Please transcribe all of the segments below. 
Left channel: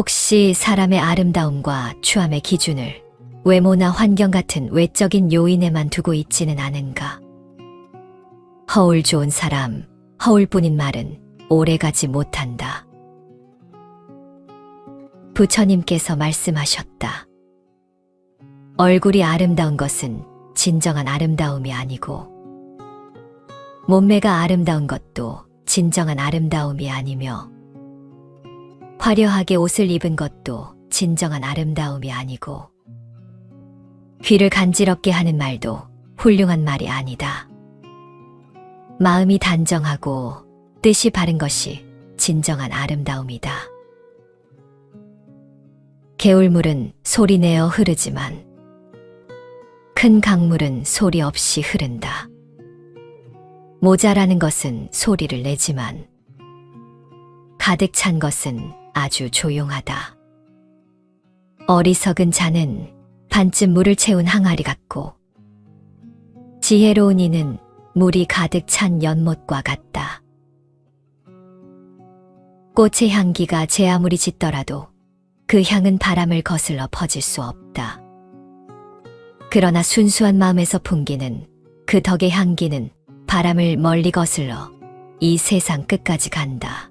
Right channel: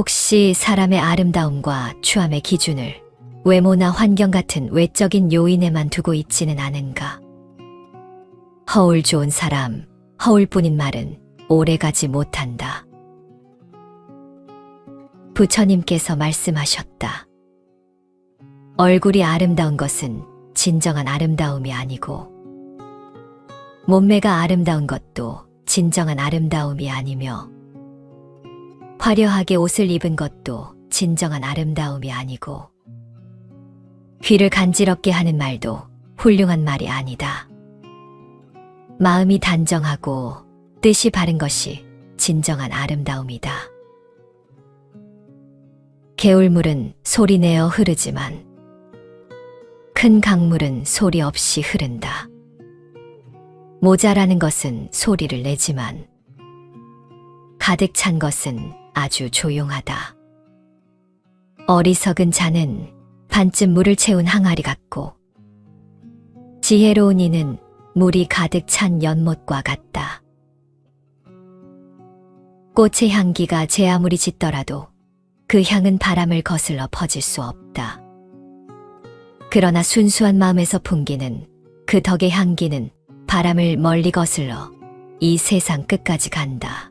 혹시 사람의 아름다움과 추함의 기준을 외모나 환경 같은 외적인 요인에만 두고 있지는 않은가? 허울 좋은 사람, 허울뿐인 말은 오래가지 못한다. 부처님께서 말씀하셨다. 얼굴이 아름다운 것은 진정한 아름다움이 아니고, 몸매가 아름다운 것도 진정한 아름다움이 아니며, 화려하게 옷을 입은 것도 진정한 아름다움이 아니고, 귀를 간지럽게 하는 말도 훌륭한 말이 아니다. 마음이 단정하고 뜻이 바른 것이 진정한 아름다움이다. 개울물은 소리내어 흐르지만 큰 강물은 소리 없이 흐른다. 모자라는 것은 소리를 내지만 가득 찬 것은 아주 조용하다. 어리석은 자는 반쯤 물을 채운 항아리 같고, 지혜로운 이는 물이 가득 찬 연못과 같다. 꽃의 향기가 제 아무리 짙더라도 그 향은 바람을 거슬러 퍼질 수 없다. 그러나 순수한 마음에서 풍기는 그 덕의 향기는 바람을 멀리 거슬러 이 세상 끝까지 간다.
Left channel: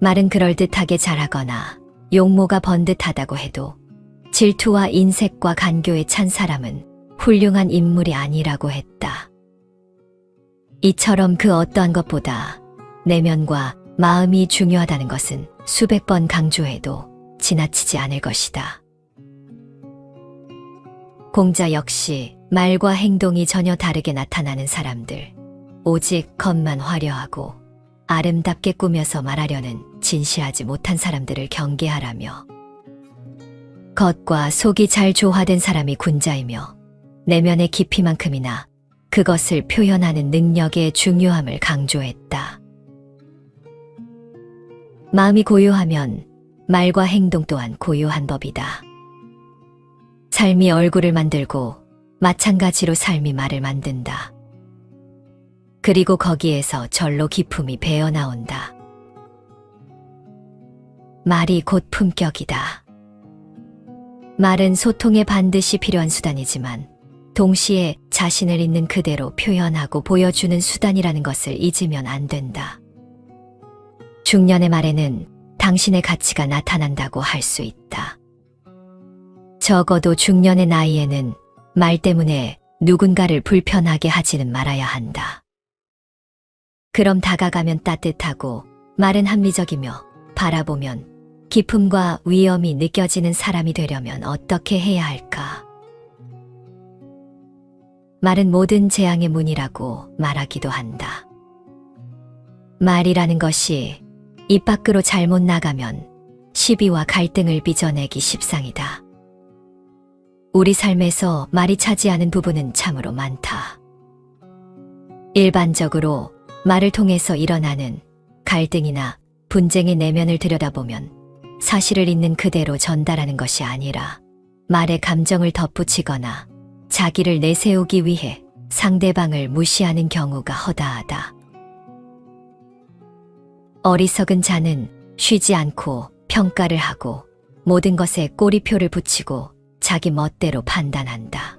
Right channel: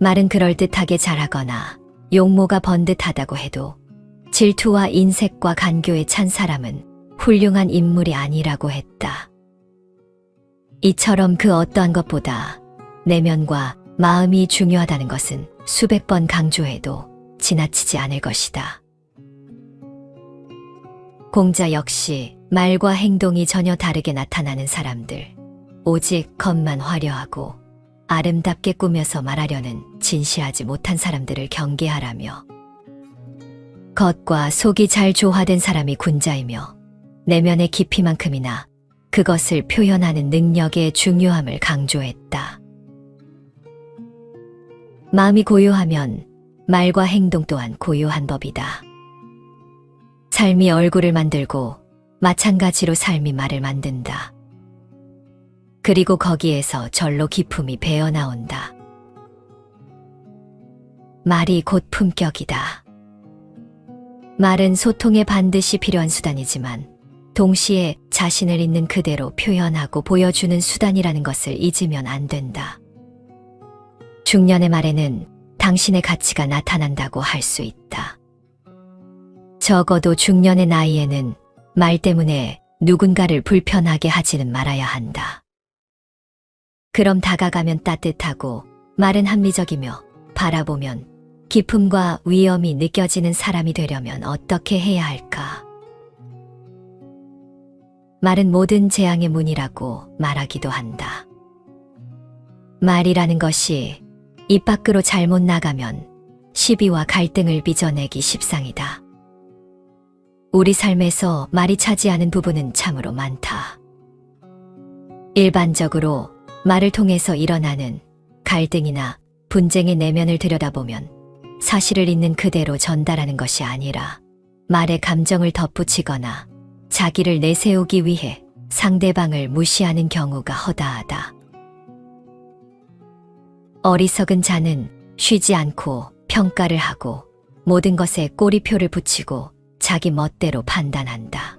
말은 그럴듯하게 잘하거나 용모가 번듯하다고 해도 질투와 인색과 간교에 찬 사람은 훌륭한 인물이 아니라고 했다. 이처럼 그 어떠한 것보다 내면과 마음이 중요하다는 것은 수백 번 강조해도 지나치지 않을 것이다. 공자 역시 말과 행동이 전혀 다르게 나타나는 사람들, 오직 겉만 화려하고 아름답게 꾸며서 말하려는 진시하지 못한 사람들을 경계하라며, 겉과 속이 잘 조화된 사람이 군자이며 내면의 깊이만큼이나 그것을 표현하는 능력의 중요함을 강조했다. 마음이 고요하면 말과 행동 또한 고요한 법이다. 삶이 얼굴을 만들고 마찬가지로 삶이 말을 만든다. 그리고 거기에서 절로 기품이 배어나온다. 말이 곧 품격이다. 말은 소통에 반드시 필요한 수단이지만 동시에 자신을 있는 그대로 표현하고 보여주는 수단이라는 것을 잊으면 안 된다. 중년의 말에는 당신의 가치가 나타난다고 할 수 있다. 적어도 중년의 나이에는 말 때문에 누군가를 불편하게 하지는 말아야 한다. 그럼 다가가면 따뜻하고 말은 합리적이며 바라보면 기품과 위엄이 느껴지는 사람이 되려면 어떻게 해야 할까? 말은 모든 재앙의 문이라고 말하기도 한다. 말이라는 것이 입 밖으로 잘못 나가면 시비와 갈등을 빚어내기 십상이다. 우리 삶에서 말이 차지하는 부분은 참으로 많다. 일반적으로 말을 통해서 일어나는 갈등이나 분쟁의 내면을 들여다보면 사실을 있는 그대로 전달하는 것이 아니라 말에 감정을 덧붙이거나 자기를 내세우기 위해 상대방을 무시하는 경우가 허다하다. 어리석은 자는 쉬지 않고 평가를 하고 모든 것에 꼬리표를 붙이고 자기 멋대로 판단한다.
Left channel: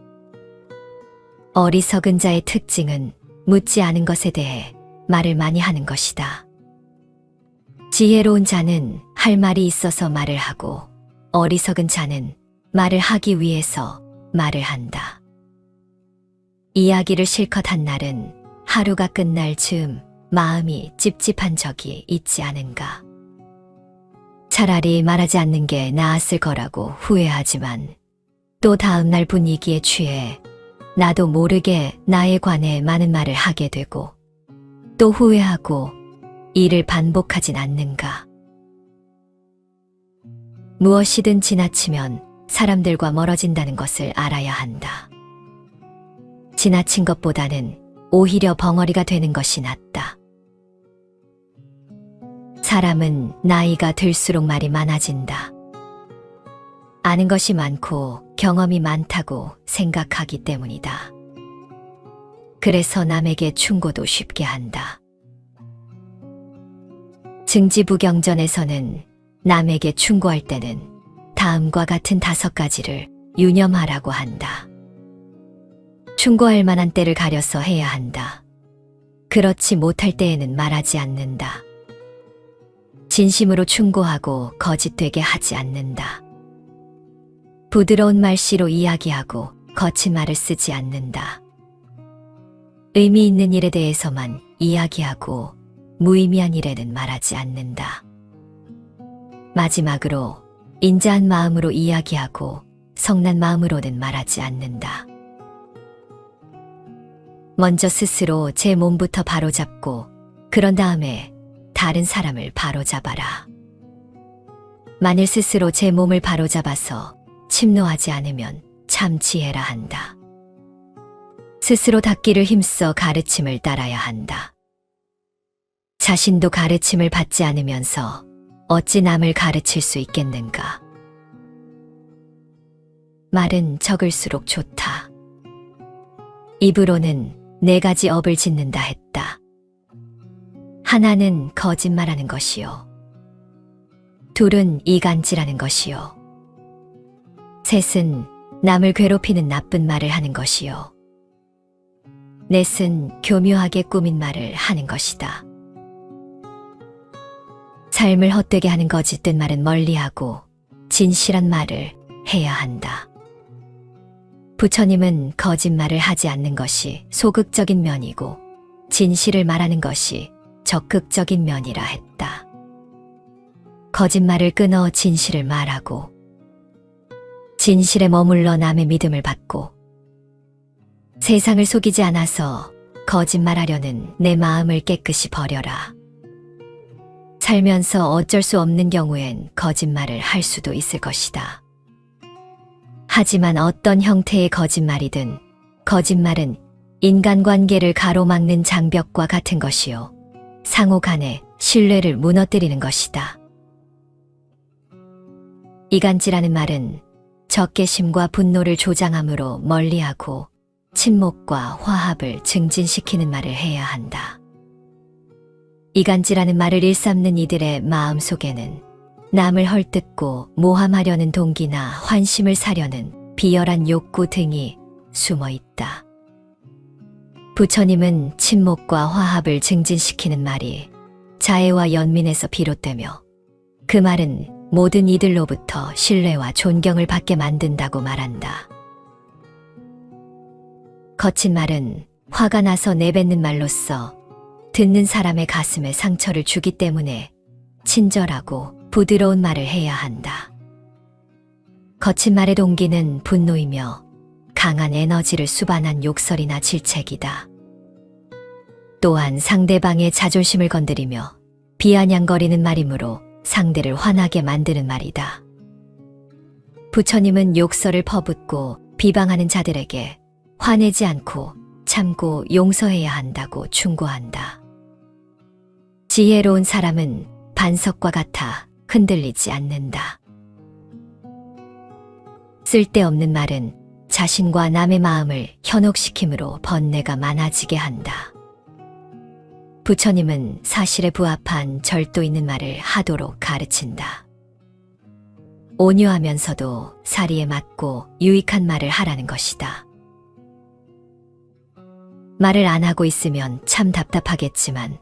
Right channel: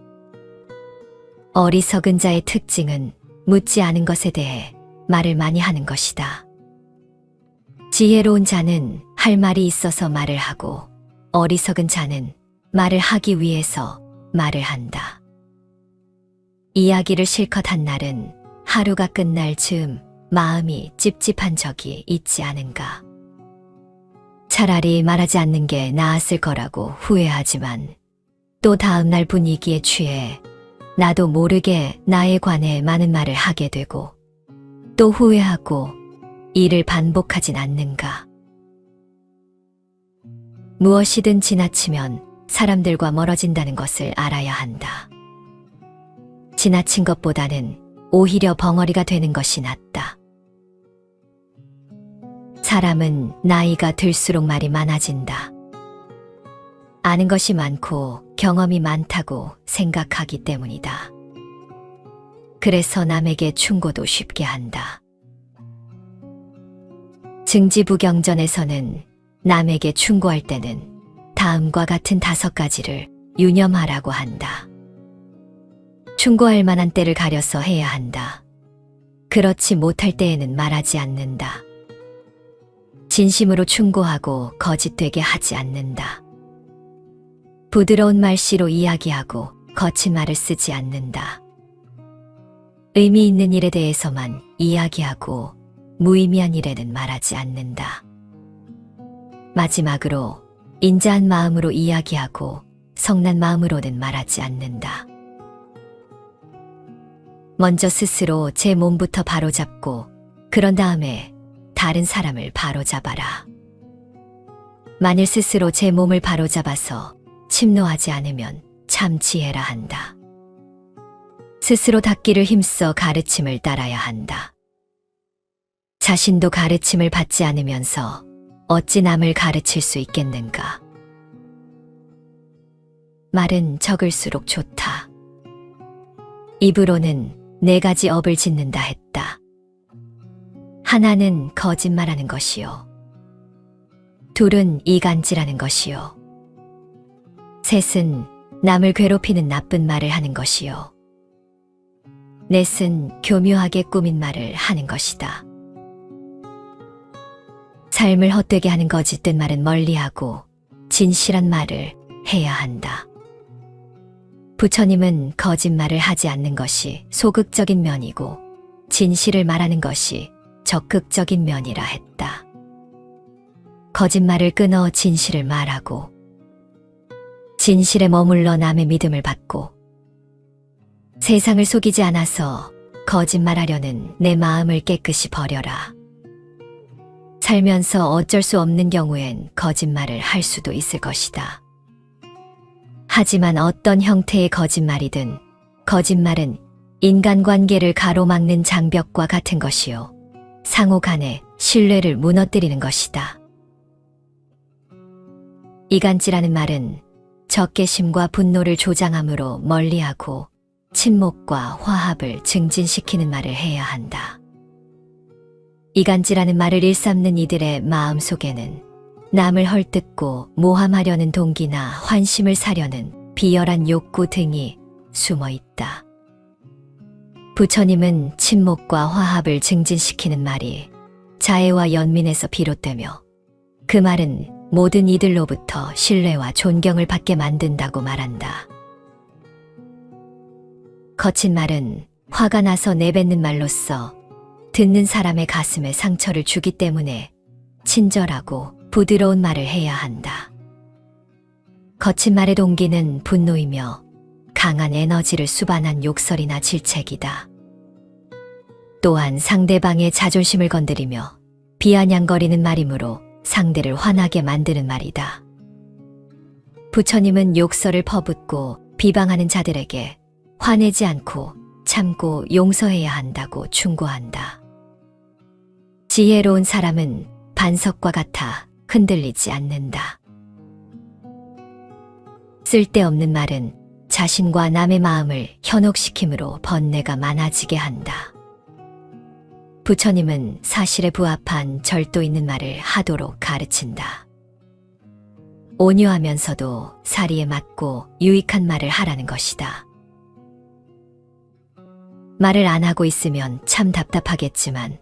어리석은 자의 특징은 묻지 않은 것에 대해 말을 많이 하는 것이다. 지혜로운 자는 할 말이 있어서 말을 하고, 어리석은 자는 말을 하기 위해서 말을 한다. 이야기를 실컷 한 날은 하루가 끝날 즈음 마음이 찝찝한 적이 있지 않은가. 차라리 말하지 않는 게 나았을 거라고 후회하지만 또 다음날 분위기에 취해 나도 모르게 나에 관해 많은 말을 하게 되고 또 후회하고 이를 반복하진 않는가. 무엇이든 지나치면 사람들과 멀어진다는 것을 알아야 한다. 지나친 것보다는 오히려 벙어리가 되는 것이 낫다. 사람은 나이가 들수록 말이 많아진다. 아는 것이 많고 경험이 많다고 생각하기 때문이다. 그래서 남에게 충고도 쉽게 한다. 증지부경전에서는 남에게 충고할 때는 다음과 같은 5가지를 유념하라고 한다. 충고할 만한 때를 가려서 해야 한다. 그렇지 못할 때에는 말하지 않는다. 진심으로 충고하고 거짓되게 하지 않는다. 부드러운 말씨로 이야기하고 거친 말을 쓰지 않는다. 의미 있는 일에 대해서만 이야기하고 무의미한 일에는 말하지 않는다. 마지막으로 인자한 마음으로 이야기하고 성난 마음으로는 말하지 않는다. 먼저 스스로 제 몸부터 바로잡고 그런 다음에 다른 사람을 바로잡아라. 만일 스스로 제 몸을 바로잡아서 침노하지 않으면 참 지혜라 한다. 스스로 닦기를 힘써 가르침을 따라야 한다. 자신도 가르침을 받지 않으면서 어찌 남을 가르칠 수 있겠는가? 말은 적을수록 좋다. 입으로는 4가지 업을 짓는다 했다. 하나는 거짓말하는 것이요. 둘은 이간질하는 것이요. 셋은 남을 괴롭히는 나쁜 말을 하는 것이요. 넷은 교묘하게 꾸민 말을 하는 것이다. 삶을 헛되게 하는 거짓된 말은 멀리하고 진실한 말을 해야 한다. 부처님은 거짓말을 하지 않는 것이 소극적인 면이고 진실을 말하는 것이 적극적인 면이라 했다. 거짓말을 끊어 진실을 말하고 진실에 머물러 남의 믿음을 받고 세상을 속이지 않아서 거짓말하려는 내 마음을 깨끗이 버려라. 살면서 어쩔 수 없는 경우엔 거짓말을 할 수도 있을 것이다. 하지만 어떤 형태의 거짓말이든 거짓말은 인간관계를 가로막는 장벽과 같은 것이요. 상호 간의 신뢰를 무너뜨리는 것이다. 이간질하는 말은 적개심과 분노를 조장함으로 멀리하고 친목과 화합을 증진시키는 말을 해야 한다. 이간질하는 말을 일삼는 이들의 마음속에는 남을 헐뜯고 모함하려는 동기나 환심을 사려는 비열한 욕구 등이 숨어 있다. 부처님은 친목과 화합을 증진시키는 말이 자애와 연민에서 비롯되며 그 말은 모든 이들로부터 신뢰와 존경을 받게 만든다고 말한다. 거친 말은 화가 나서 내뱉는 말로써 듣는 사람의 가슴에 상처를 주기 때문에 친절하고 부드러운 말을 해야 한다. 거친 말의 동기는 분노이며 강한 에너지를 수반한 욕설이나 질책이다. 또한 상대방의 자존심을 건드리며 비아냥거리는 말이므로 상대를 화나게 만드는 말이다. 부처님은 욕설을 퍼붓고 비방하는 자들에게 화내지 않고 참고 용서해야 한다고 충고한다. 지혜로운 사람은 반석과 같아 흔들리지 않는다. 쓸데없는 말은 자신과 남의 마음을 현혹시킴으로 번뇌가 많아지게 한다. 부처님은 사실에 부합한 절도 있는 말을 하도록 가르친다. 온유하면서도 사리에 맞고 유익한 말을 하라는 것이다. 말을 안 하고 있으면 참 답답하겠지만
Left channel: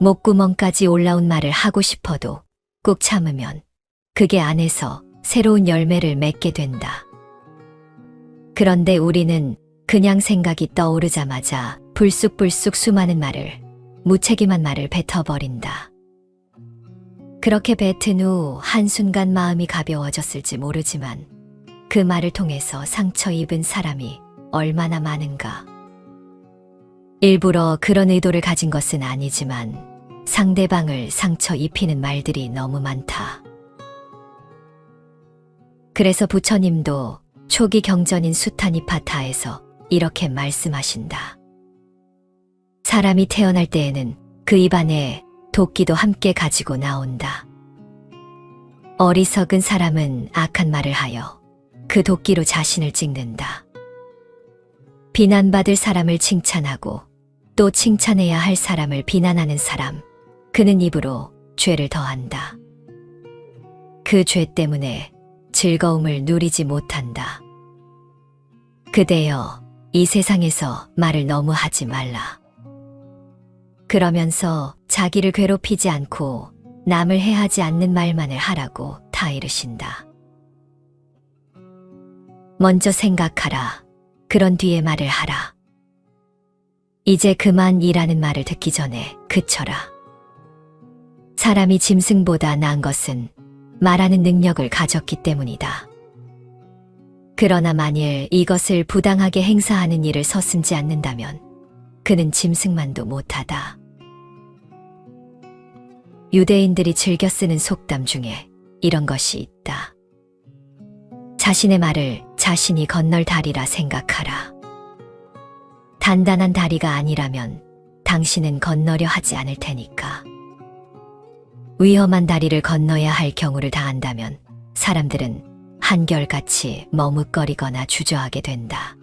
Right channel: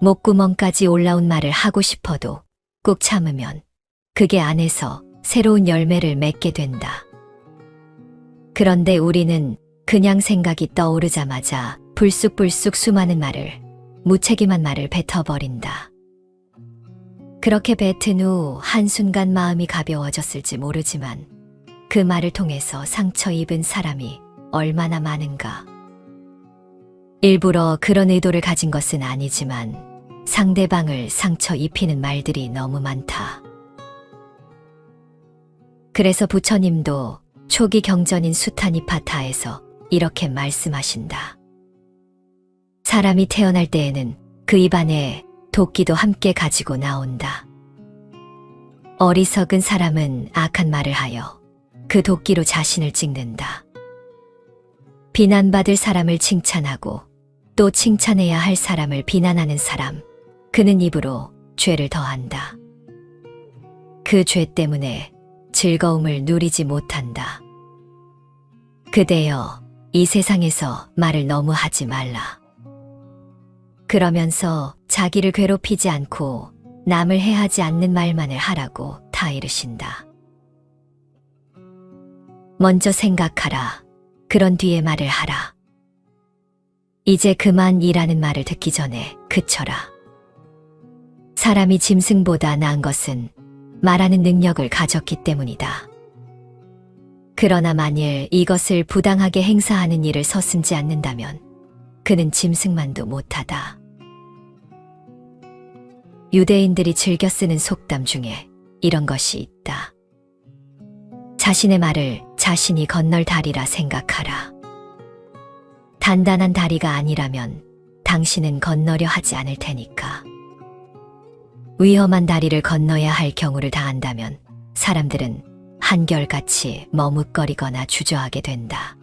목구멍까지 올라온 말을 하고 싶어도 꾹 참으면 그게 안에서 새로운 열매를 맺게 된다. 그런데 우리는 그냥 생각이 떠오르자마자 불쑥불쑥 수많은 말을, 무책임한 말을 뱉어버린다. 그렇게 뱉은 후 한순간 마음이 가벼워졌을지 모르지만 그 말을 통해서 상처 입은 사람이 얼마나 많은가. 일부러 그런 의도를 가진 것은 아니지만 상대방을 상처 입히는 말들이 너무 많다. 그래서 부처님도 초기 경전인 수타니파타에서 이렇게 말씀하신다. 사람이 태어날 때에는 그 입안에 도끼도 함께 가지고 나온다. 어리석은 사람은 악한 말을 하여 그 도끼로 자신을 찍는다. 비난받을 사람을 칭찬하고 또 칭찬해야 할 사람을 비난하는 사람, 그는 입으로 죄를 더한다. 그 죄 때문에 즐거움을 누리지 못한다. 그대여, 이 세상에서 말을 너무 하지 말라. 그러면서 자기를 괴롭히지 않고 남을 해하지 않는 말만을 하라고 다 이르신다. 먼저 생각하라. 그런 뒤에 말을 하라. 이제 그만 이라는 말을 듣기 전에 그쳐라. 사람이 짐승보다 나은 것은 말하는 능력을 가졌기 때문이다. 그러나 만일 이것을 부당하게 행사하는 일을 서슴지 않는다면 그는 짐승만도 못하다. 유대인들이 즐겨 쓰는 속담 중에 이런 것이 있다. 자신의 말을 자신이 건널 다리라 생각하라. 단단한 다리가 아니라면 당신은 건너려 하지 않을 테니까. 위험한 다리를 건너야 할 경우를 다한다면 사람들은 한결같이 머뭇거리거나 주저하게 된다.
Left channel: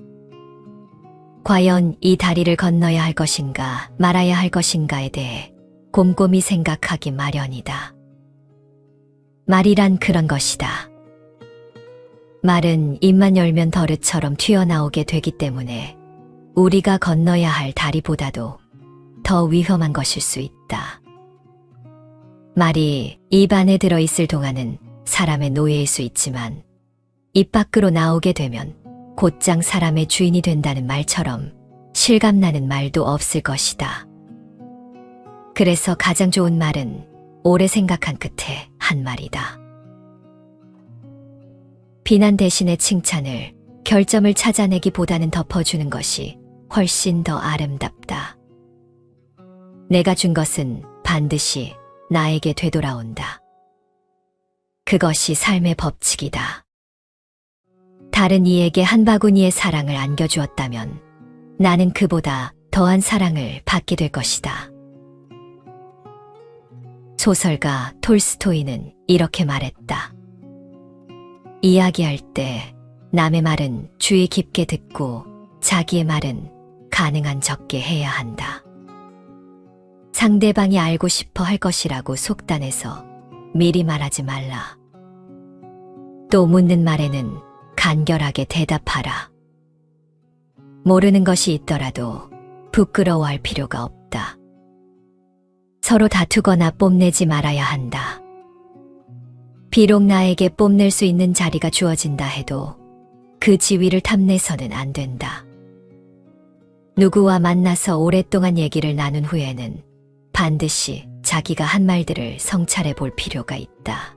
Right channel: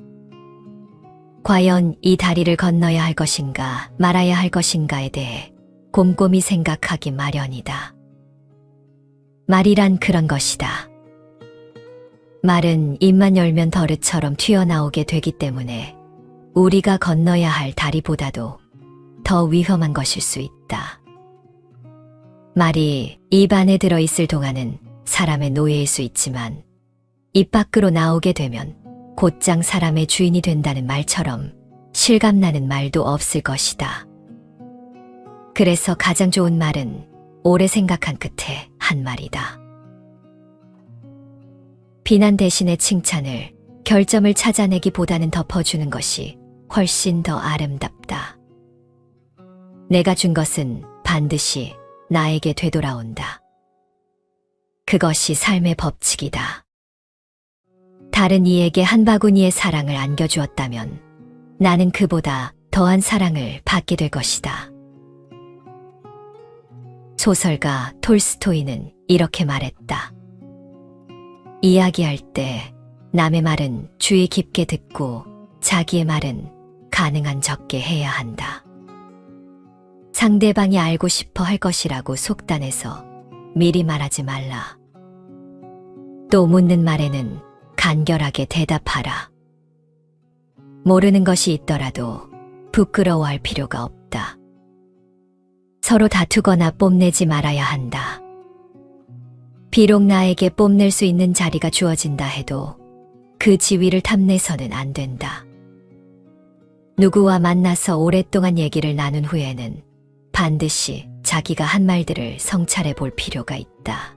과연 이 다리를 건너야 할 것인가 말아야 할 것인가에 대해 곰곰이 생각하기 마련이다. 말이란 그런 것이다. 말은 입만 열면 버릇처럼 튀어나오게 되기 때문에 우리가 건너야 할 다리보다도 더 위험한 것일 수 있다. 말이 입 안에 들어있을 동안은 사람의 노예일 수 있지만 입 밖으로 나오게 되면 곧장 사람의 주인이 된다는 말처럼 실감나는 말도 없을 것이다. 그래서 가장 좋은 말은 오래 생각한 끝에 한 말이다. 비난 대신에 칭찬을, 결점을 찾아내기보다는 덮어주는 것이 훨씬 더 아름답다. 내가 준 것은 반드시 나에게 되돌아온다. 그것이 삶의 법칙이다. 다른 이에게 한 바구니의 사랑을 안겨주었다면 나는 그보다 더한 사랑을 받게 될 것이다. 소설가 톨스토이는 이렇게 말했다. 이야기할 때 남의 말은 주의 깊게 듣고 자기의 말은 가능한 적게 해야 한다. 상대방이 알고 싶어 할 것이라고 속단해서 미리 말하지 말라. 또 묻는 말에는 간결하게 대답하라. 모르는 것이 있더라도 부끄러워할 필요가 없다. 서로 다투거나 뽐내지 말아야 한다. 비록 나에게 뽐낼 수 있는 자리가 주어진다 해도 그 지위를 탐내서는 안 된다. 누구와 만나서 오랫동안 얘기를 나눈 후에는 반드시 자기가 한 말들을 성찰해 볼 필요가 있다.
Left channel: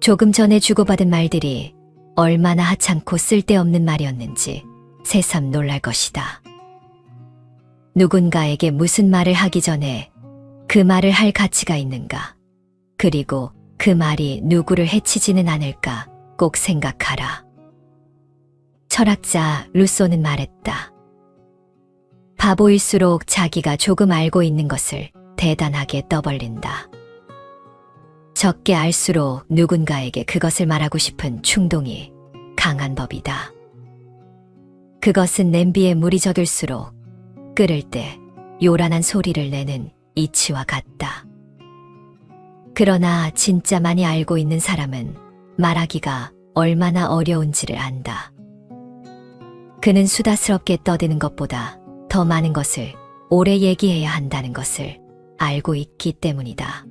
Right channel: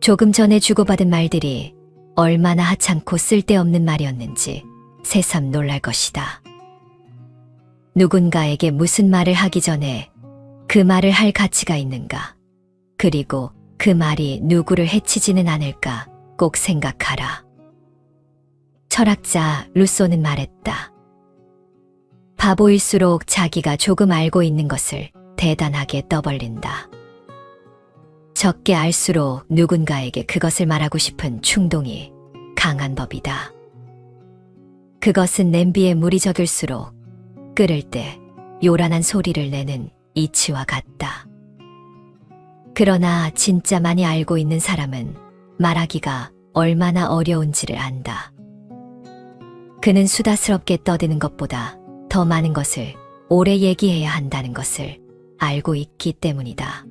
조금 전에 주고받은 말들이 얼마나 하찮고 쓸데없는 말이었는지 새삼 놀랄 것이다. 누군가에게 무슨 말을 하기 전에 그 말을 할 가치가 있는가, 그리고 그 말이 누구를 해치지는 않을까 꼭 생각하라. 철학자 루소는 말했다. 바보일수록 자기가 조금 알고 있는 것을 대단하게 떠벌린다. 적게 알수록 누군가에게 그것을 말하고 싶은 충동이 강한 법이다. 그것은 냄비에 물이 적을수록 끓을 때 요란한 소리를 내는 이치와 같다. 그러나 진짜 많이 알고 있는 사람은 말하기가 얼마나 어려운지를 안다. 그는 수다스럽게 떠드는 것보다 더 많은 것을 오래 얘기해야 한다는 것을 알고 있기 때문이다.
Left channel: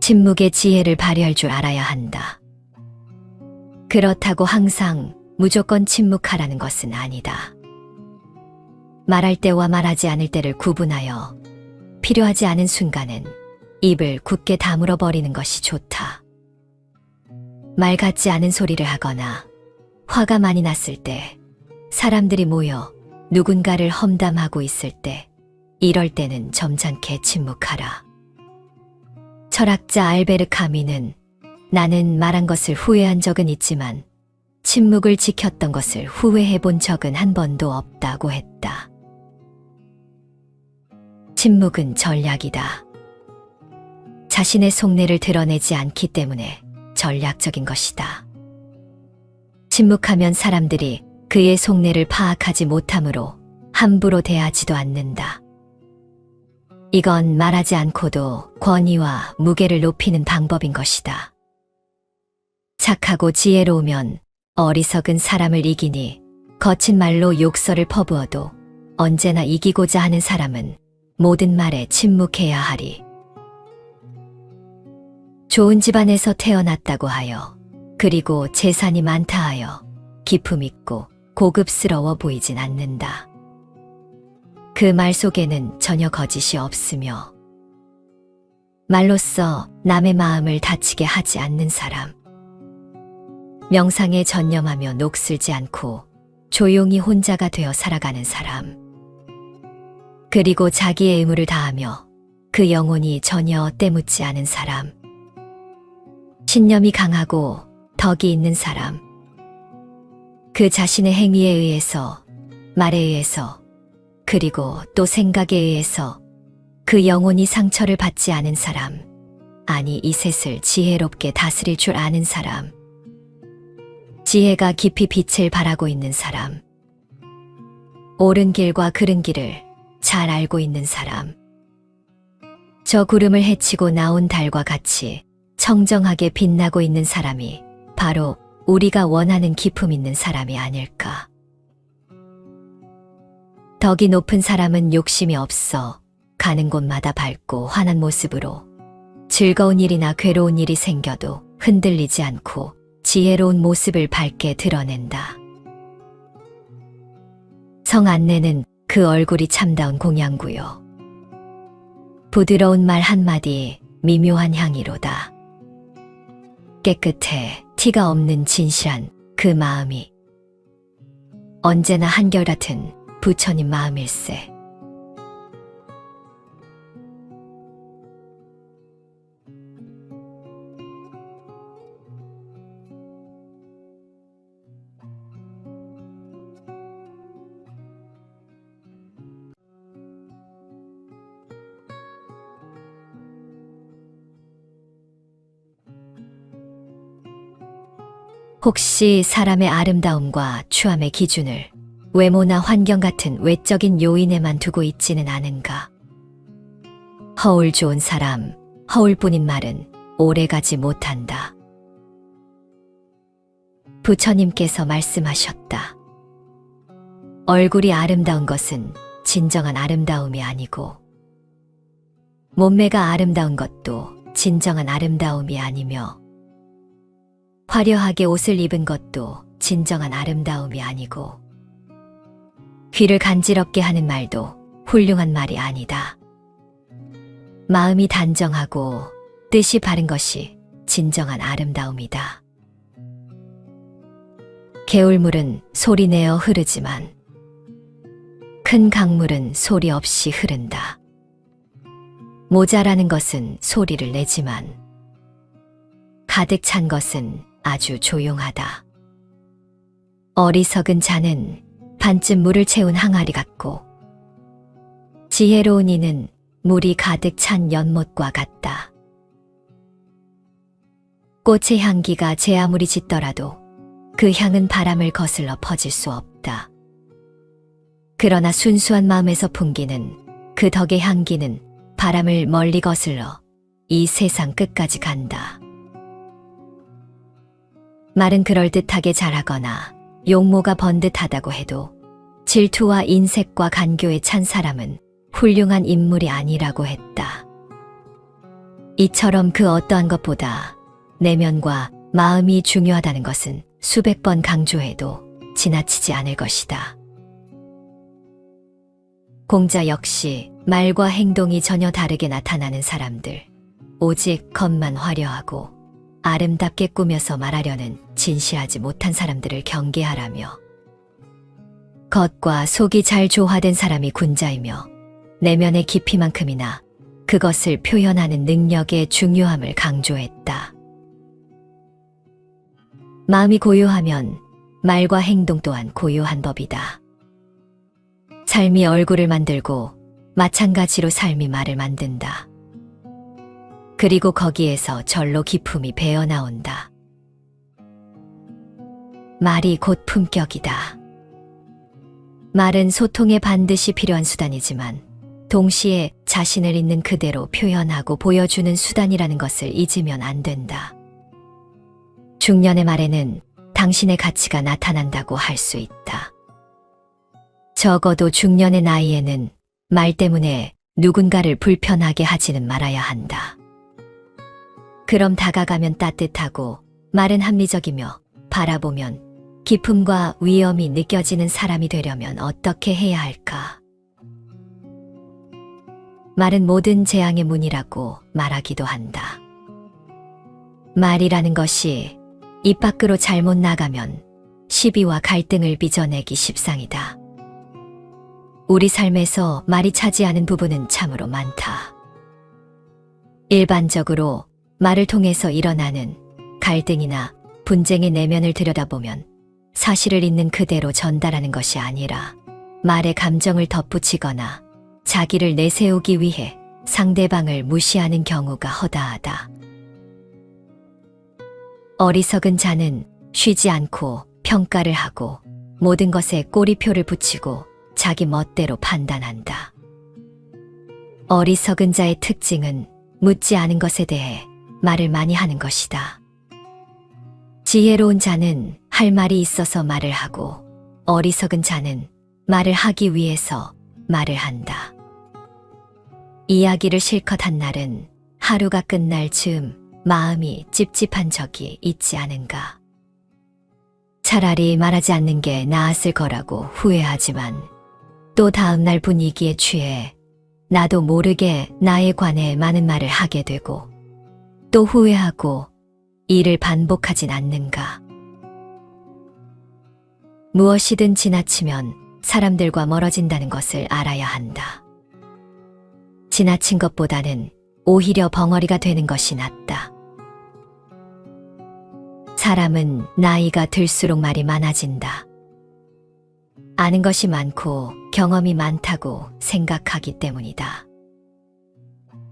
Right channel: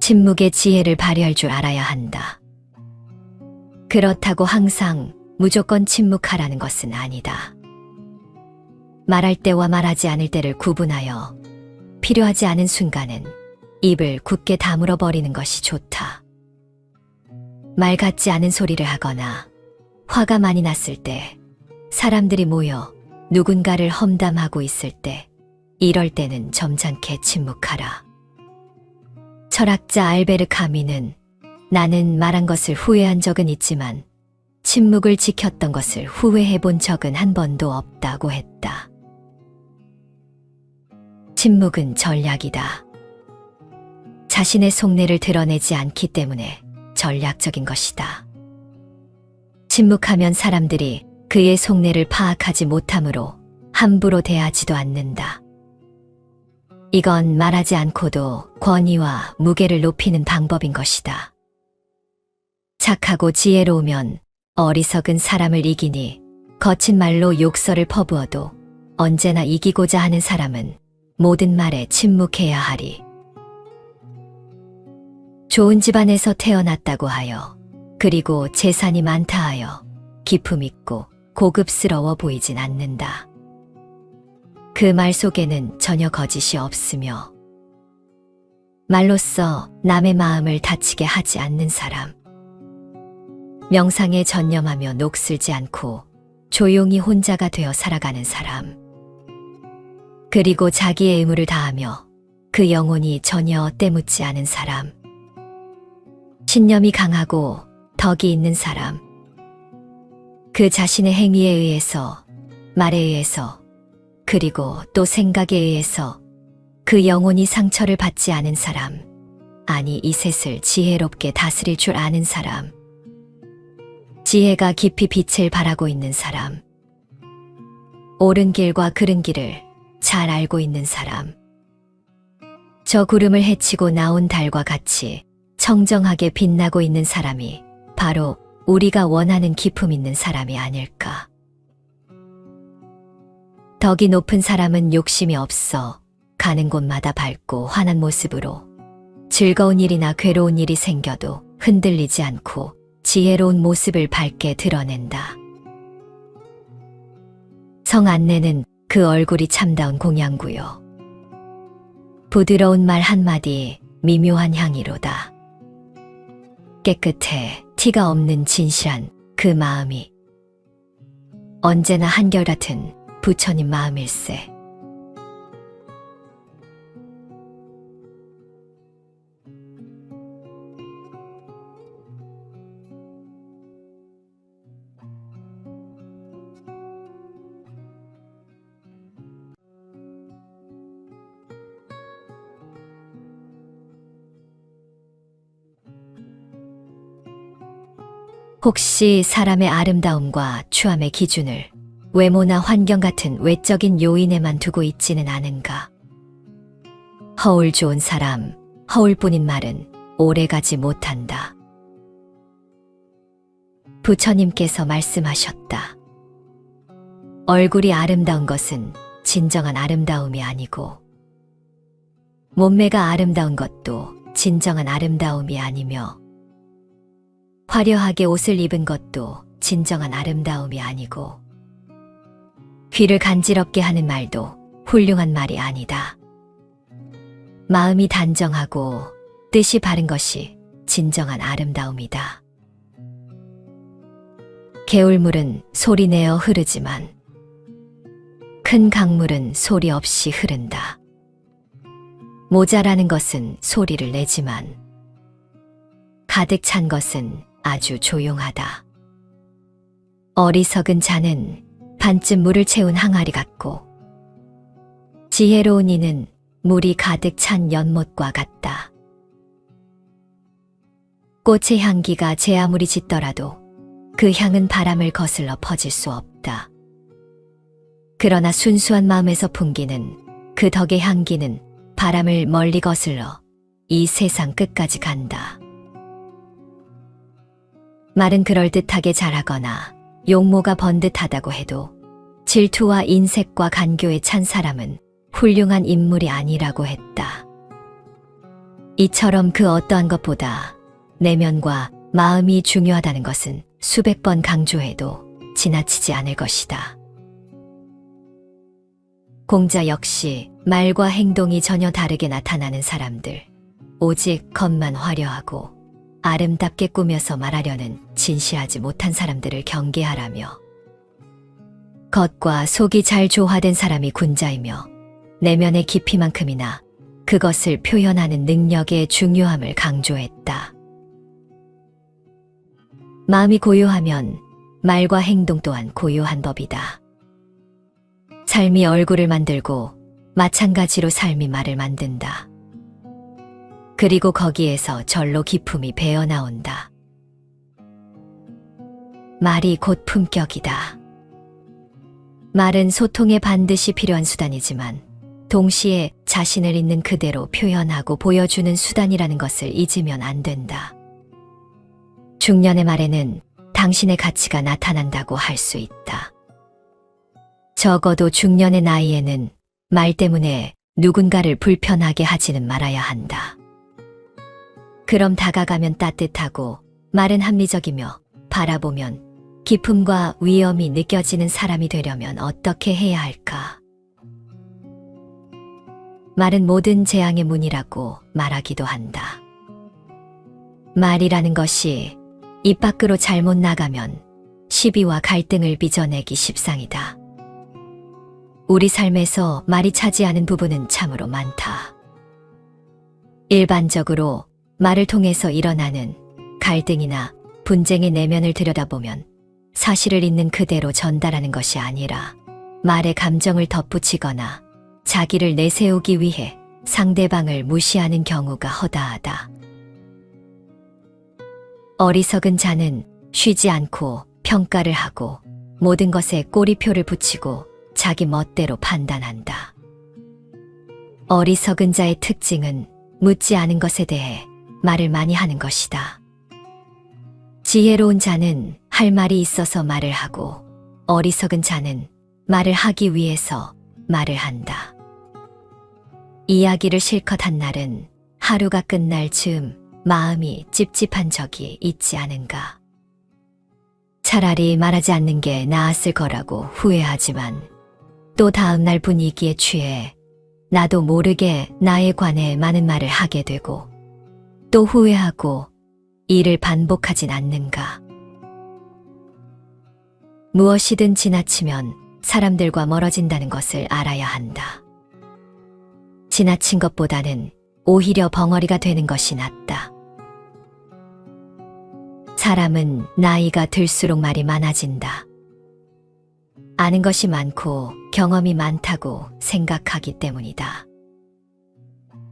침묵의 지혜를 발휘할 줄 알아야 한다. 그렇다고 항상 무조건 침묵하라는 것은 아니다. 말할 때와 말하지 않을 때를 구분하여 필요하지 않은 순간은 입을 굳게 다물어 버리는 것이 좋다. 말 같지 않은 소리를 하거나 화가 많이 났을 때, 사람들이 모여 누군가를 험담하고 있을 때, 이럴 때는 점잖게 침묵하라. 철학자 알베르 카미는 나는 말한 것을 후회한 적은 있지만 침묵을 지켰던 것을 후회해 본 적은 한 번도 없다고 했다. 침묵은 전략이다. 자신의 속내를 드러내지 않기 때문에 전략적인 것이다. 침묵하면 사람들이 그의 속내를 파악하지 못하므로 함부로 대하지도 않는다. 이건 말하지 않고도 권위와 무게를 높이는 방법인 것이다. 착하고 지혜로우면 어리석은 사람을 이기니 거친 말로 욕설을 퍼부어도 언제나 이기고자 하는 사람은 모든 말에 침묵해야 하리. 좋은 집안에서 태어났다고 하여 그리고 재산이 많다 하여 기품 있고 고급스러워 보이진 않는다. 그 말 속에는 전혀 거짓이 없으며 말로써 남의 마음을 다치게 하지 않는 사람, 명상에 전념하며 녹슬지 않고 조용히 혼자가 되어 살아가는 사람, 그리고 자기의 의무를 다하며 그 영혼이 전혀 때묻지 않은 사람, 신념이 강하고 덕이 있는 사람, 그 자신의 행위에 의해서, 말에 의해서, 그리고 또 생각에 의해서 그 영혼이 상처를 받지 않은 사람, 아니 이 셋을 지혜롭게 다스릴 줄 아는 사람, 지혜가 깊이 빛을 발하고 있는 사람, 옳은 길과 그른 길을 잘 알고 있는 사람, 저 구름을 헤치고 나온 달과 같이 청정하게 빛나고 있는 사람이 바로 우리가 원하는 기품 있는 사람이 아닐까. 덕이 높은 사람은 욕심이 없어 가는 곳마다 밝고 환한 모습으로 즐거운 일이나 괴로운 일이 생겨도 흔들리지 않고 지혜로운 모습을 밝게 드러낸다. 성 안내는 그 얼굴이 참다운 공양구요. 부드러운 말 한마디 미묘한 향이로다. 깨끗해 티가 없는 진실한 그 마음이 언제나 한결같은 부처님 마음일세. 혹시 사람의 아름다움과 추함의 기준을 외모나 환경 같은 외적인 요인에만 두고 있지는 않은가? 허울 좋은 사람, 허울뿐인 말은 오래가지 못한다. 부처님께서 말씀하셨다. 얼굴이 아름다운 것은 진정한 아름다움이 아니고 몸매가 아름다운 것도 진정한 아름다움이 아니며 화려하게 옷을 입은 것도 진정한 아름다움이 아니고 귀를 간지럽게 하는 말도 훌륭한 말이 아니다. 마음이 단정하고 뜻이 바른 것이 진정한 아름다움이다. 개울물은 소리내어 흐르지만 큰 강물은 소리 없이 흐른다. 모자라는 것은 소리를 내지만 가득 찬 것은 아주 조용하다. 어리석은 자는 반쯤 물을 채운 항아리 같고 지혜로운 이는 물이 가득 찬 연못과 같다. 꽃의 향기가 제 아무리 짙더라도 그 향은 바람을 거슬러 퍼질 수 없다. 그러나 순수한 마음에서 풍기는 그 덕의 향기는 바람을 멀리 거슬러 이 세상 끝까지 간다. 말은 그럴듯하게 잘하거나 용모가 번듯하다고 해도 질투와 인색과 간교에 찬 사람은 훌륭한 인물이 아니라고 했다. 이처럼 그 어떠한 것보다 내면과 마음이 중요하다는 것은 수백 번 강조해도 지나치지 않을 것이다. 공자 역시 말과 행동이 전혀 다르게 나타나는 사람들, 오직 겉만 화려하고 아름답게 꾸며서 말하려는 진실하지 못한 사람들을 경계하라며 겉과 속이 잘 조화된 사람이 군자이며 내면의 깊이만큼이나 그것을 표현하는 능력의 중요함을 강조했다. 마음이 고요하면 말과 행동 또한 고요한 법이다. 삶이 얼굴을 만들고 마찬가지로 삶이 말을 만든다. 그리고 거기에서 절로 기품이 배어나온다. 말이 곧 품격이다. 말은 소통에 반드시 필요한 수단이지만 동시에 자신을 있는 그대로 표현하고 보여주는 수단이라는 것을 잊으면 안 된다. 중년의 말에는 당신의 가치가 나타난다고 할 수 있다. 적어도 중년의 나이에는 말 때문에 누군가를 불편하게 하지는 말아야 한다. 그럼 다가가면 따뜻하고 말은 합리적이며 바라보면 기품과 위엄이 느껴지는 사람이 되려면 어떻게 해야 할까? 말은 모든 재앙의 문이라고 말하기도 한다. 말이라는 것이 입 밖으로 잘못 나가면 시비와 갈등을 빚어내기 십상이다. 우리 삶에서 말이 차지하는 부분은 참으로 많다. 일반적으로 말을 통해서 일어나는 갈등이나 분쟁의 내면을 들여다보면 사실을 있는 그대로 전달하는 것이 아니라 말의 감정을 덧붙이거나 자기를 내세우기 위해 상대방을 무시하는 경우가 허다하다. 어리석은 자는 쉬지 않고 평가를 하고 모든 것에 꼬리표를 붙이고 자기 멋대로 판단한다. 어리석은 자의 특징은 묻지 않은 것에 대해 말을 많이 하는 것이다. 지혜로운 자는 할 말이 있어서 말을 하고 어리석은 자는 말을 하기 위해서 말을 한다. 이야기를 실컷 한 날은 하루가 끝날 즈음 마음이 찝찝한 적이 있지 않은가. 차라리 말하지 않는 게 나았을 거라고 후회하지만 또 다음날 분위기에 취해 나도 모르게 나에 관해 많은 말을 하게 되고 또 후회하고 이를 반복하진 않는가. 무엇이든 지나치면 사람들과 멀어진다는 것을 알아야 한다. 지나친 것보다는 오히려 벙어리가 되는 것이 낫다. 사람은 나이가 들수록 말이 많아진다. 아는 것이 많고 경험이 많다고 생각하기 때문이다.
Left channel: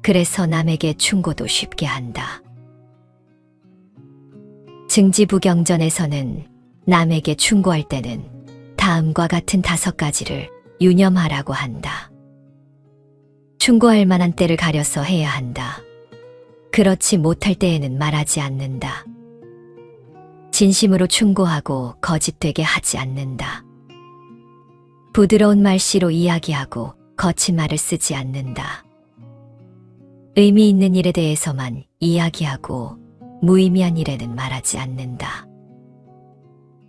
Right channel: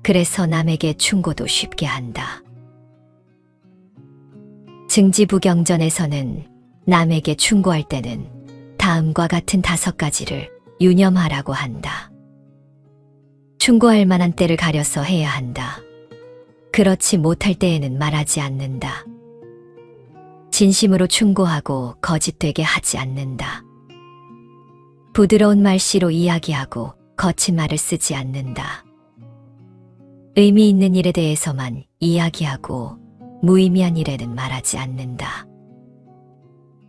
그래서 남에게 충고도 쉽게 한다. 증지부경전에서는 남에게 충고할 때는 다음과 같은 5가지를 유념하라고 한다. 충고할 만한 때를 가려서 해야 한다. 그렇지 못할 때에는 말하지 않는다. 진심으로 충고하고 거짓되게 하지 않는다. 부드러운 말씨로 이야기하고 거친 말을 쓰지 않는다. 의미 있는 일에 대해서만 이야기하고 무의미한 일에는 말하지 않는다.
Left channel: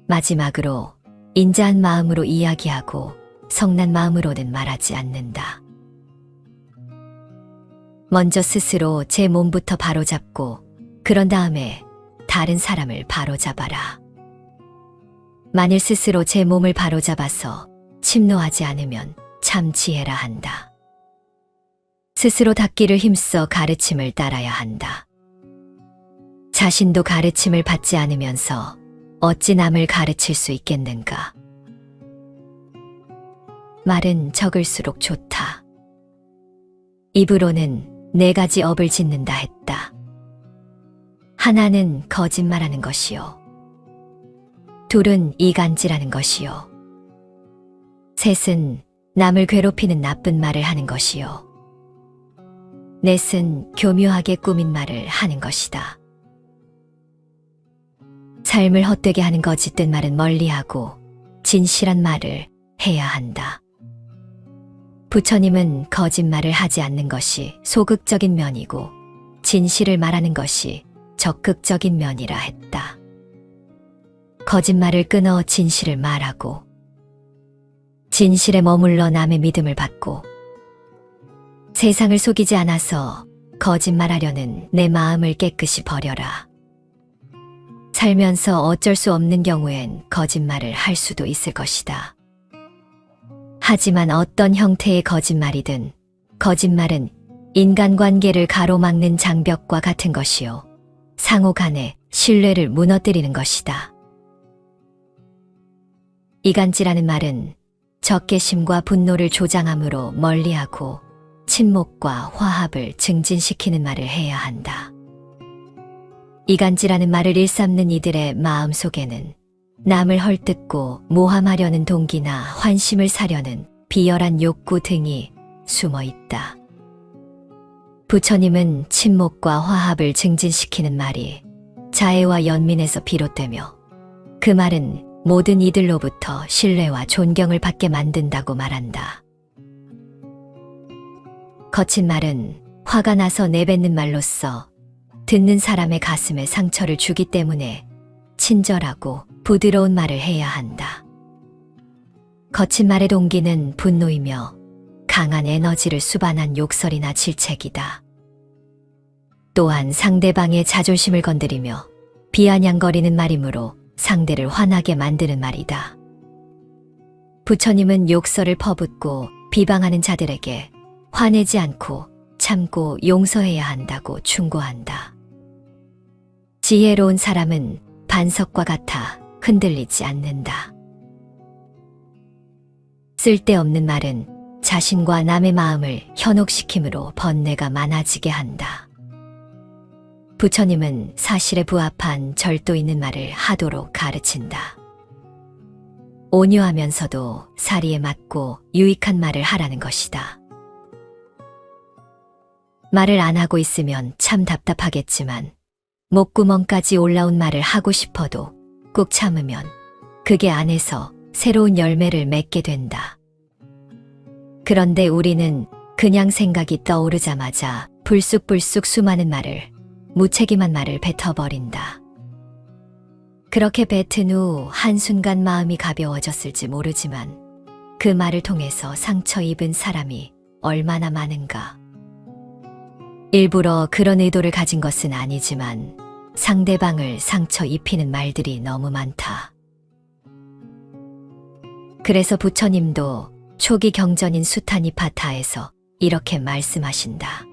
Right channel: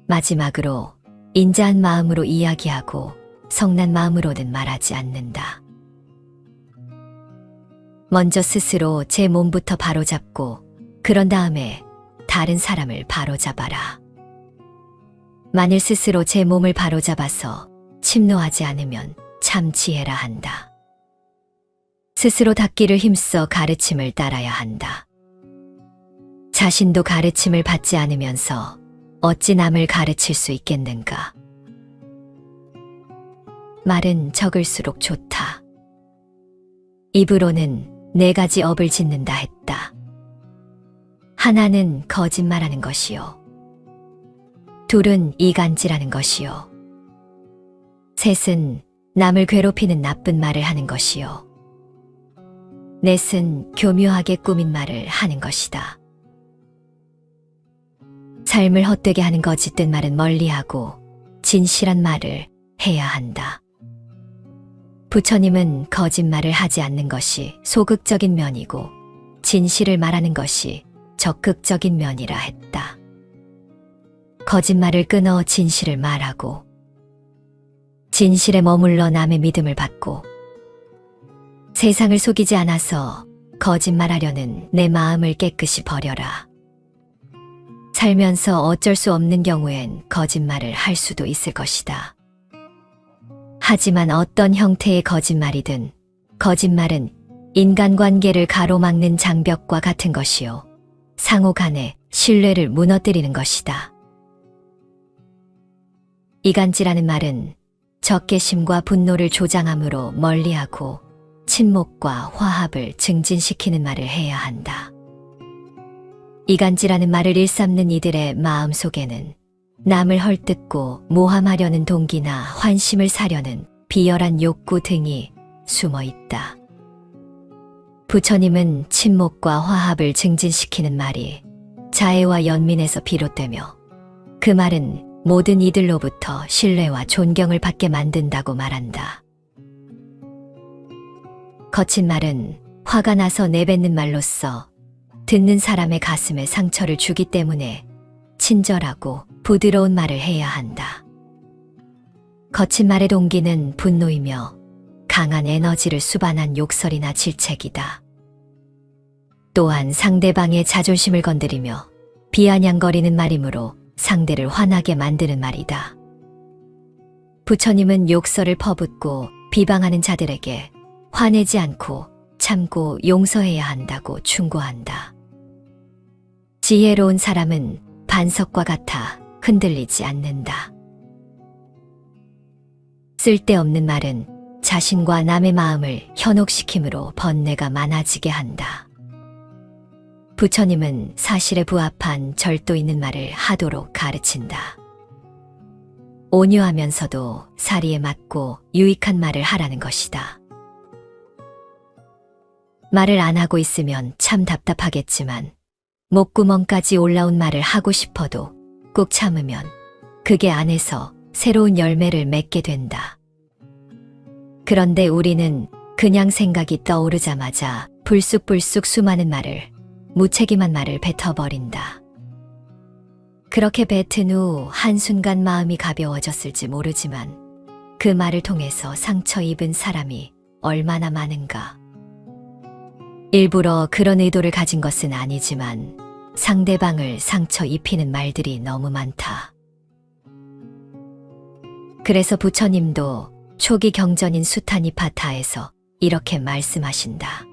마지막으로 인자한 마음으로 이야기하고 성난 마음으로는 말하지 않는다. 먼저 스스로 제 몸부터 바로잡고 그런 다음에 다른 사람을 바로잡아라. 만일 스스로 제 몸을 바로잡아서 침노하지 않으면 참 지혜라 한다. 스스로 닦기를 힘써 가르침을 따라야 한다. 자신도 가르침을 받지 않으면서 어찌 남을 가르칠 수 있겠는가. 말은 적을수록 좋다. 입으로는 4가지 업을 짓는다 했다. 하나는 거짓말하는 것이요. 둘은 이간질하는 것이요. 셋은 남을 괴롭히는 나쁜 말을 하는 것이요. 넷은 교묘하게 꾸민 말을 하는 것이다. 삶을 헛되게 하는 거짓된 말은 멀리하고 진실한 말을 해야 한다. 부처님은 거짓말을 하지 않는 것이 소극적인 면이고 진실을 말하는 것이 적극적인 면이라 했다. 거짓말을 끊어 진실을 말하고 진실에 머물러 남의 믿음을 받고 세상을 속이지 않아서 거짓말하려는 내 마음을 깨끗이 버려라. 살면서 어쩔 수 없는 경우엔 거짓말을 할 수도 있을 것이다. 하지만 어떤 형태의 거짓말이든 거짓말은 인간관계를 가로막는 장벽과 같은 것이요. 상호 간의 신뢰를 무너뜨리는 것이다. 이간질하는 말은 적개심과 분노를 조장함으로 멀리하고 친목과 화합을 증진시키는 말을 해야 한다. 이간질하는 말을 일삼는 이들의 마음속에는 남을 헐뜯고 모함하려는 동기나 환심을 사려는 비열한 욕구 등이 숨어 있다. 부처님은 친목과 화합을 증진시키는 말이 자애와 연민에서 비롯되며 그 말은 모든 이들로부터 신뢰와 존경을 받게 만든다고 말한다. 거친 말은 화가 나서 내뱉는 말로써 듣는 사람의 가슴에 상처를 주기 때문에 친절하고 부드러운 말을 해야 한다. 거친 말의 동기는 분노이며 강한 에너지를 수반한 욕설이나 질책이다. 또한 상대방의 자존심을 건드리며 비아냥거리는 말이므로 상대를 화나게 만드는 말이다. 부처님은 욕설을 퍼붓고 비방하는 자들에게 화내지 않고 참고 용서해야 한다고 충고한다. 지혜로운 사람은 반석과 같아 흔들리지 않는다. 쓸데없는 말은 자신과 남의 마음을 현혹시킴으로 번뇌가 많아지게 한다. 부처님은 사실에 부합한 절도 있는 말을 하도록 가르친다. 온유하면서도 사리에 맞고 유익한 말을 하라는 것이다. 말을 안 하고 있으면 참 답답하겠지만 목구멍까지 올라온 말을 하고 싶어도 꾹 참으면 그게 안에서 새로운 열매를 맺게 된다. 그런데 우리는 그냥 생각이 떠오르자마자 불쑥불쑥 수많은 말을, 무책임한 말을 뱉어버린다. 그렇게 뱉은 후 한순간 마음이 가벼워졌을지 모르지만 그 말을 통해서 상처 입은 사람이 얼마나 많은가. 일부러 그런 의도를 가진 것은 아니지만 상대방을 상처 입히는 말들이 너무 많다. 그래서 부처님도 초기 경전인 수타니파타에서 이렇게 말씀하신다.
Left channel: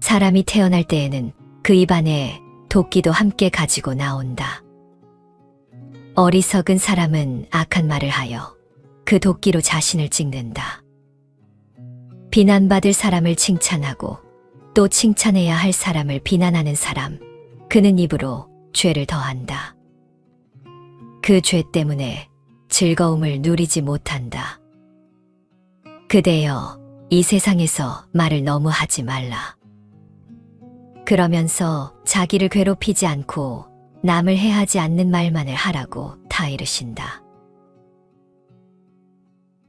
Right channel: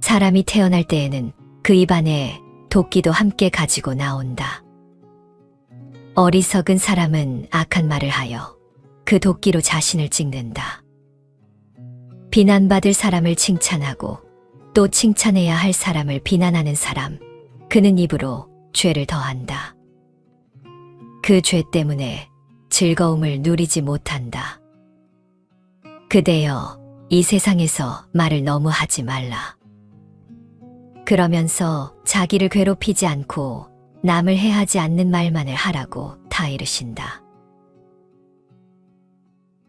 사람이 태어날 때에는 그 입안에 도끼도 함께 가지고 나온다. 어리석은 사람은 악한 말을 하여 그 도끼로 자신을 찍는다. 비난받을 사람을 칭찬하고 또 칭찬해야 할 사람을 비난하는 사람, 그는 입으로 죄를 더한다. 그 죄 때문에 즐거움을 누리지 못한다. 그대여, 이 세상에서 말을 너무 하지 말라. 그러면서 자기를 괴롭히지 않고 남을 해하지 않는 말만을 하라고 다 이르신다.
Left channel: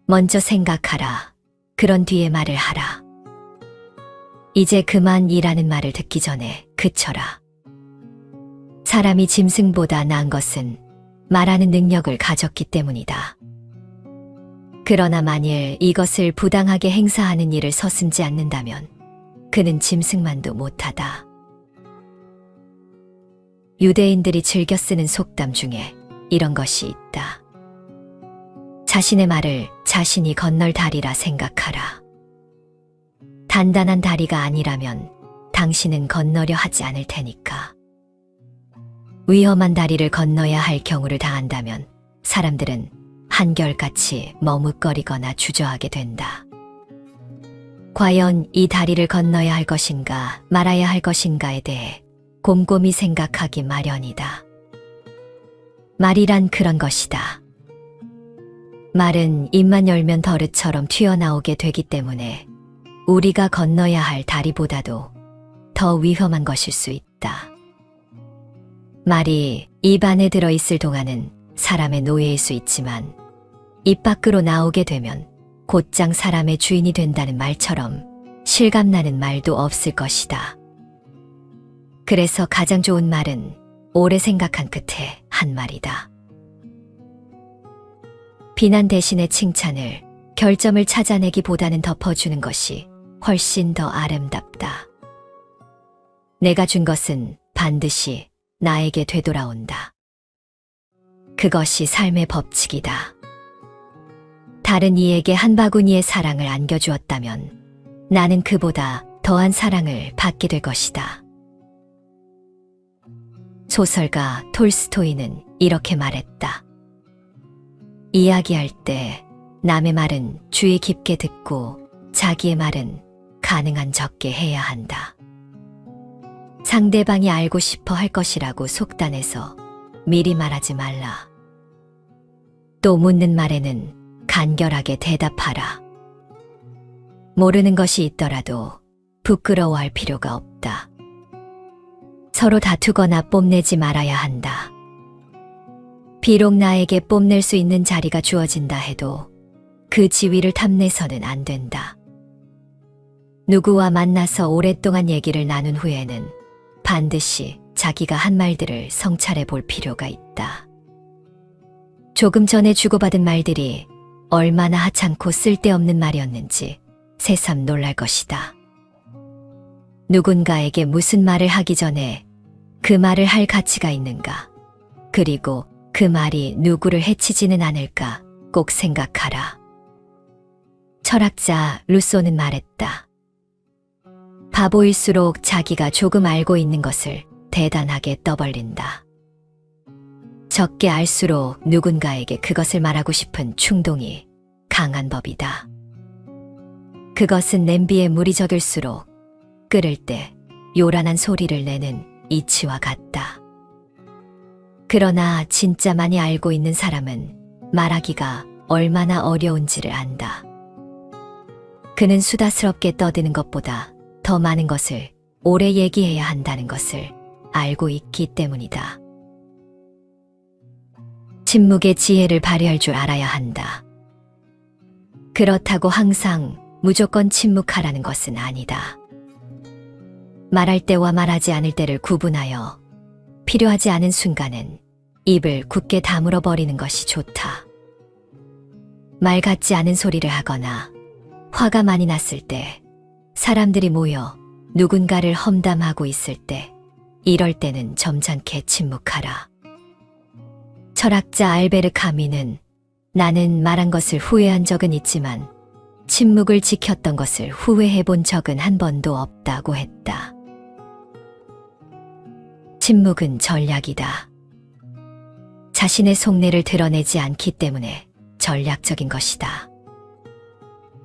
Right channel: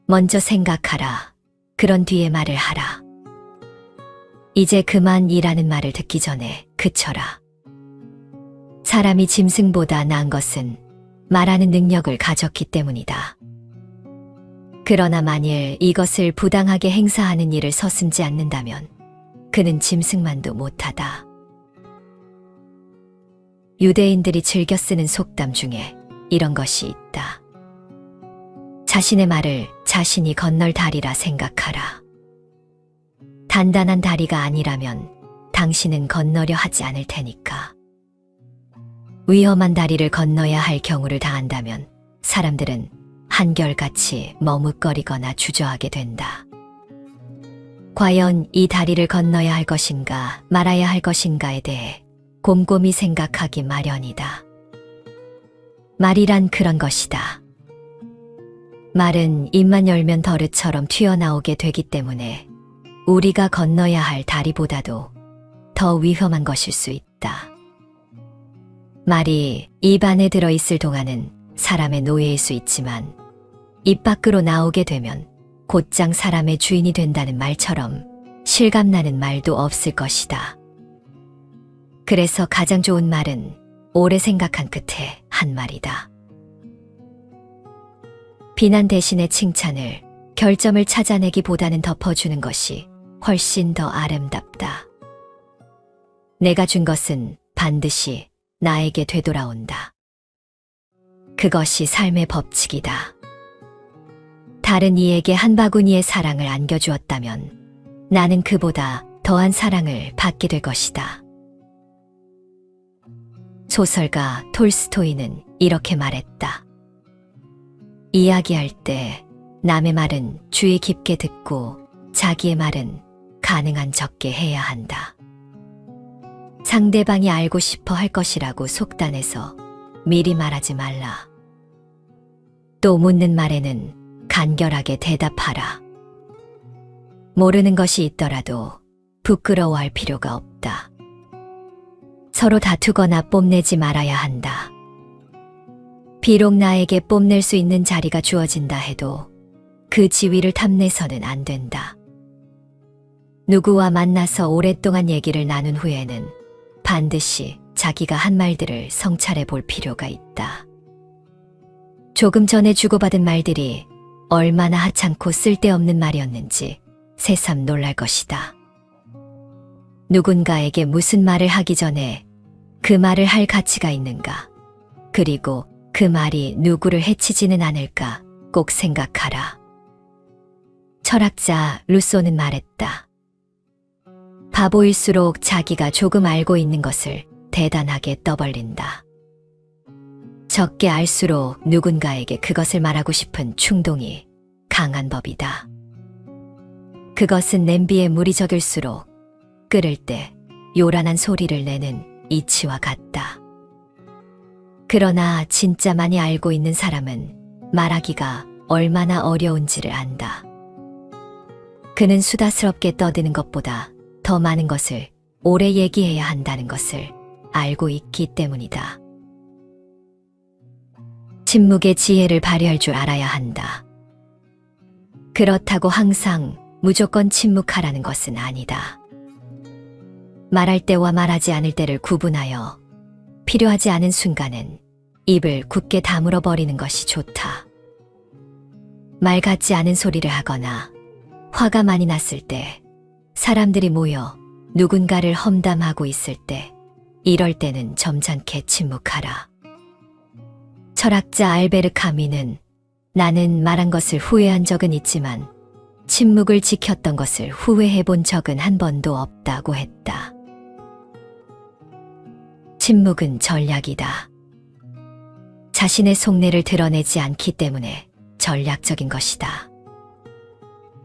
먼저 생각하라. 그런 뒤에 말을 하라. 이제 그만 이라는 말을 듣기 전에 그쳐라. 사람이 짐승보다 나은 것은 말하는 능력을 가졌기 때문이다. 그러나 만일 이것을 부당하게 행사하는 일을 서슴지 않는다면 그는 짐승만도 못하다. 유대인들이 즐겨 쓰는 속담 중에 이런 것이 있다. 자신의 말을 자신이 건널 다리라 생각하라. 단단한 다리가 아니라면 당신은 건너려 하지 않을 테니까. 위험한 다리를 건너야 할 경우를 당한다면 사람들은 한결같이 머뭇거리거나 주저하게 된다. 과연 이 다리를 건너야 할 것인가 말아야 할 것인가에 대해 곰곰이 생각하기 마련이다. 말이란 그런 것이다. 말은 입만 열면 덜릇처럼 튀어나오게 되기 때문에 우리가 건너야 할 다리보다도 더 위험한 것일 수 있다. 말이 입 안에 들어있을 동안은 사람의 노예일 수 있지만 입 밖으로 나오게 되면 곧장 사람의 주인이 된다는 말처럼 실감나는 말도 없을 것이다. 그래서 가장 좋은 말은 오래 생각한 끝에 한 말이다. 비난 대신에 칭찬을, 결점을 찾아내기보다는 덮어주는 것이 훨씬 더 아름답다. 내가 준 것은 반드시 나에게 되돌아온다. 그것이 삶의 법칙이다. 다른 이에게 한 바구니의 사랑을 안겨주었다면 나는 그보다 더한 사랑을 받게 될 것이다. 소설가 톨스토이는 이렇게 말했다. 이야기할 때 남의 말은 주의 깊게 듣고 자기의 말은 가능한 적게 해야 한다. 상대방이 알고 싶어 할 것이라고 속단해서 미리 말하지 말라. 또 묻는 말에는 간결하게 대답하라. 모르는 것이 있더라도 부끄러워할 필요가 없다. 서로 다투거나 뽐내지 말아야 한다. 비록 나에게 뽐낼 수 있는 자리가 주어진다 해도 그 지위를 탐내서는 안 된다. 누구와 만나서 오랫동안 얘기를 나눈 후에는 반드시 자기가 한 말들을 성찰해 볼 필요가 있다. 조금 전에 주고받은 말들이 얼마나 하찮고 쓸데없는 말이었는지 새삼 놀랄 것이다. 누군가에게 무슨 말을 하기 전에 그 말을 할 가치가 있는가, 그리고 그 말이 누구를 해치지는 않을까 꼭 생각하라. 철학자 루소는 말했다. 바보일수록 자기가 조금 알고 있는 것을 대단하게 떠벌린다. 적게 알수록 누군가에게 그것을 말하고 싶은 충동이 강한 법이다. 그것은 냄비에 물이 적을수록 끓을 때 요란한 소리를 내는 이치와 같다. 그러나 진짜 많이 알고 있는 사람은 말하기가 얼마나 어려운지를 안다. 그는 수다스럽게 떠드는 것보다 더 많은 것을 오래 얘기해야 한다는 것을 알고 있기 때문이다. 침묵의 지혜를 발휘할 줄 알아야 한다. 그렇다고 항상 무조건 침묵하라는 것은 아니다. 말할 때와 말하지 않을 때를 구분하여 필요하지 않은 순간은 입을 굳게 다물어 버리는 것이 좋다. 말 같지 않은 소리를 하거나 화가 많이 났을 때, 사람들이 모여 누군가를 험담하고 있을 때, 이럴 때는 점잖게 침묵하라. 철학자 알베르 카미는 나는 말한 것을 후회한 적은 있지만 침묵을 지켰던 것을 후회해 본 적은 한 번도 없다고 했다. 침묵은 전략이다. 자신의 속내를 드러내지 않기 때문에 전략적인 것이다.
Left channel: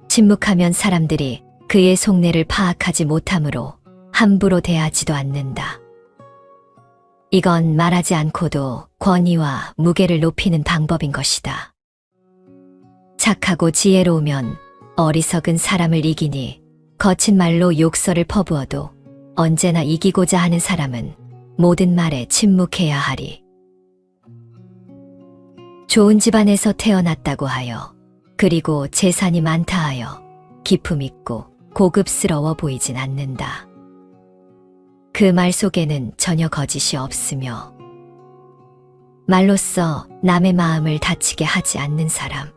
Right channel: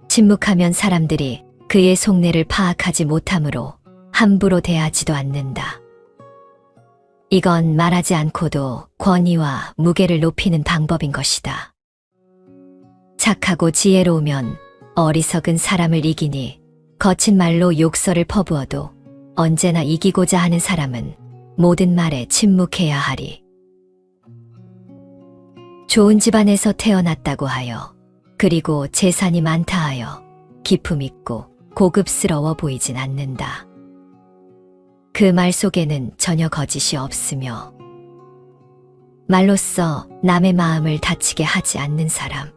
침묵하면 사람들이 그의 속내를 파악하지 못하므로 함부로 대하지도 않는다. 이건 말하지 않고도 권위와 무게를 높이는 방법인 것이다. 착하고 지혜로우면 어리석은 사람을 이기니 거친 말로 욕설을 퍼부어도 언제나 이기고자 하는 사람은 모든 말에 침묵해야 하리. 좋은 집안에서 태어났다고 하여, 그리고 재산이 많다 하여 기품 있고 고급스러워 보이진 않는다. 그 말 속에는 전혀 거짓이 없으며 말로써 남의 마음을 다치게 하지 않는 사람,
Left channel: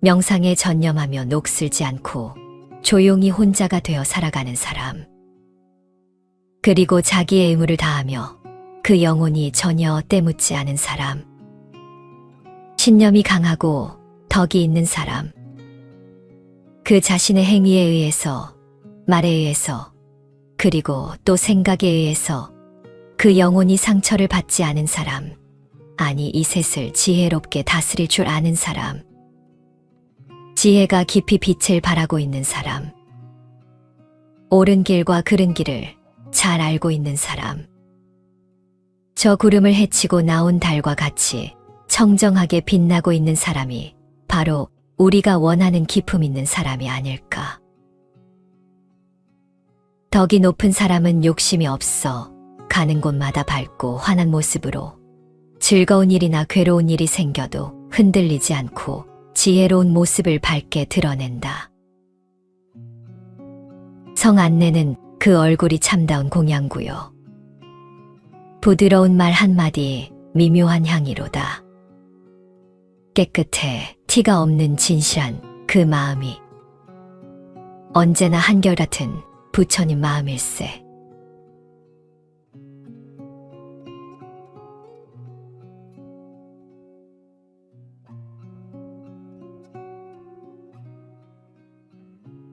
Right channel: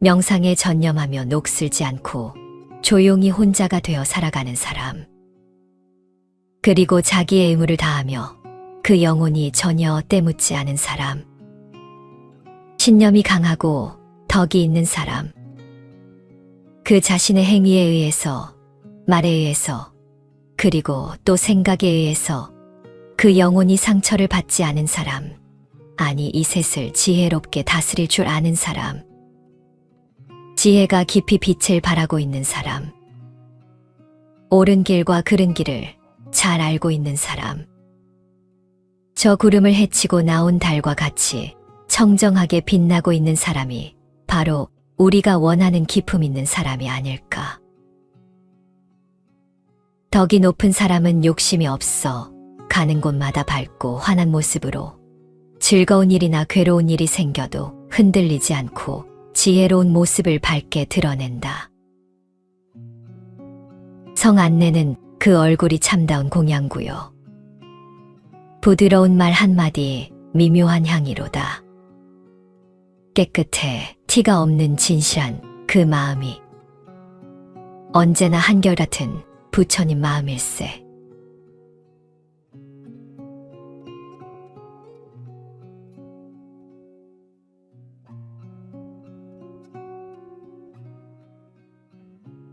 명상에 전념하며 녹슬지 않고 조용히 혼자가 되어 살아가는 사람, 그리고 자기의 의무를 다하며 그 영혼이 전혀 때묻지 않은 사람, 신념이 강하고 덕이 있는 사람, 그 자신의 행위에 의해서, 말에 의해서, 그리고 또 생각에 의해서 그 영혼이 상처를 받지 않은 사람, 아니 이 셋을 지혜롭게 다스릴 줄 아는 사람, 지혜가 깊이 빛을 발하고 있는 사람, 옳은 길과 그른 길을 잘 알고 있는 사람, 저 구름을 헤치고 나온 달과 같이 청정하게 빛나고 있는 사람이 바로 우리가 원하는 기품 있는 사람이 아닐까. 덕이 높은 사람은 욕심이 없어 가는 곳마다 밝고 환한 모습으로 즐거운 일이나 괴로운 일이 생겨도 흔들리지 않고 지혜로운 모습을 밝게 드러낸다. 성 안내는 그 얼굴이 참다운 공양구요. 부드러운 말 한마디 미묘한 향이로다. 깨끗해 티가 없는 진실한 그 마음이 언제나 한결같은 부처님 마음일세.